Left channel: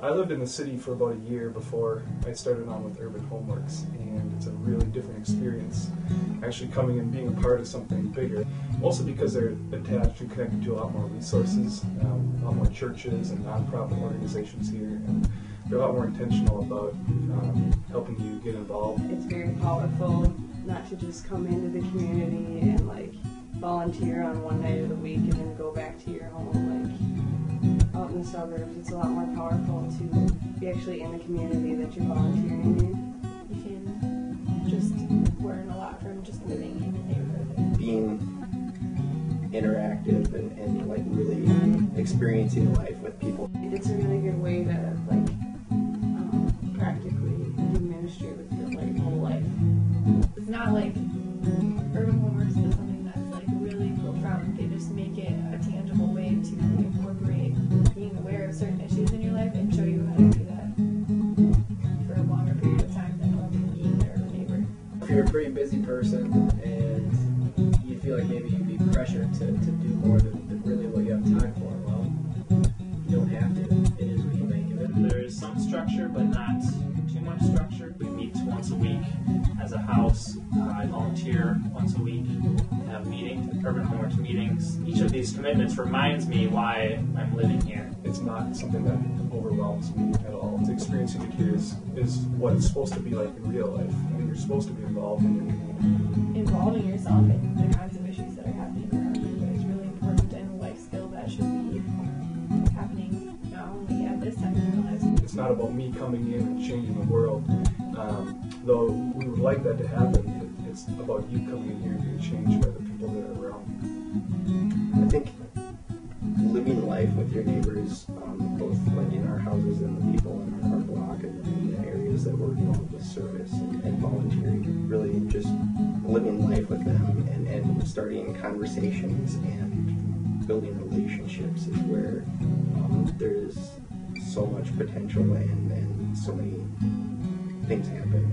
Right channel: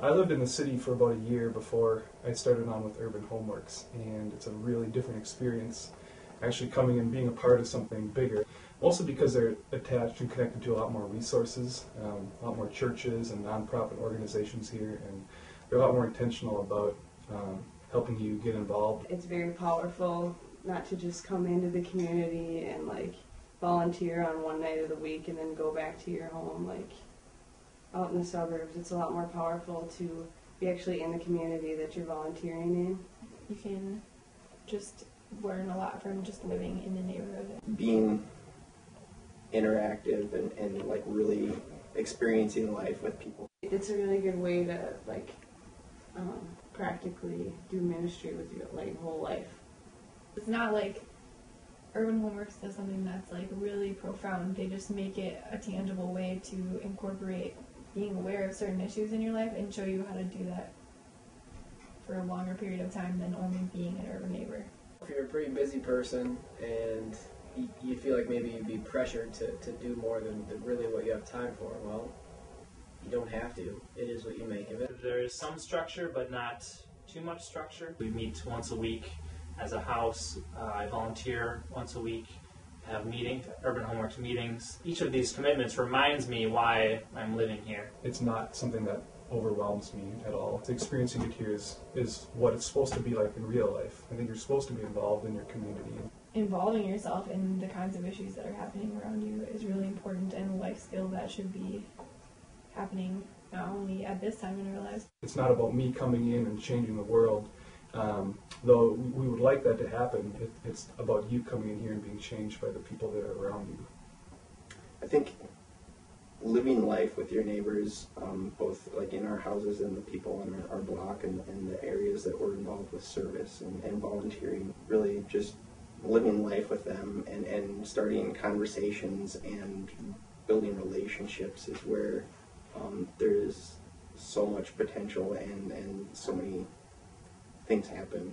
I lived in the city for about a year before I started on with Urban Homeworks, and it's a really different experience actually coming and being a part of something bigger, mostly because they're attached and connected to a lot more resources, a lot more churches and nonprofit organizations here, and they're a lot more intentional about helping you get involved. It's very powerful not to just come into the community and like volunteer on one night of the week and then go back to your home. Like out in the suburbs, it's a lot more powerful to be actually in the community that you're volunteering in. You can just learn a lot from just living in the neighborhood. Being interactive and like really experiencing life with people. It's a really good way to like practically do ministry with your like whole life. It's not like Urban Homeworks does something that's like really profound. They just make it a tangible way to incorporate being aware of certain issues in your life and show you how to do that for a longer period of time than only being an urban neighbor. If you're a pretty busy person and you feel like maybe you'd be pressured to do more than really what you have time for, well, you don't have to. It is what you make of it. There is some structure, but not too much structure. We meet once a week as a house. I volunteer once a week, have meetings, Urban Homeworks meetings. Each of these commitments reminds me why I'm living here. It's not something that overwhelms me at all. The experiencing it here is what it's supposed to be like in real life. I think you're supposed to be involved in your community. Involving yourself in the kinds of issues that are happening around you is really important and a life skill that should be happening not only at this time in our lives. It's not about me coming in and changing the world, though we would like that to happen. It's about you coming in here and being changed by the people that are around you. I think living life with your neighbors, both like in our houses and the people in our block and the areas that we're involved with service and volunteering, really just living life with them and starting conversations and building relationships is where there's so much potential and so many things happen.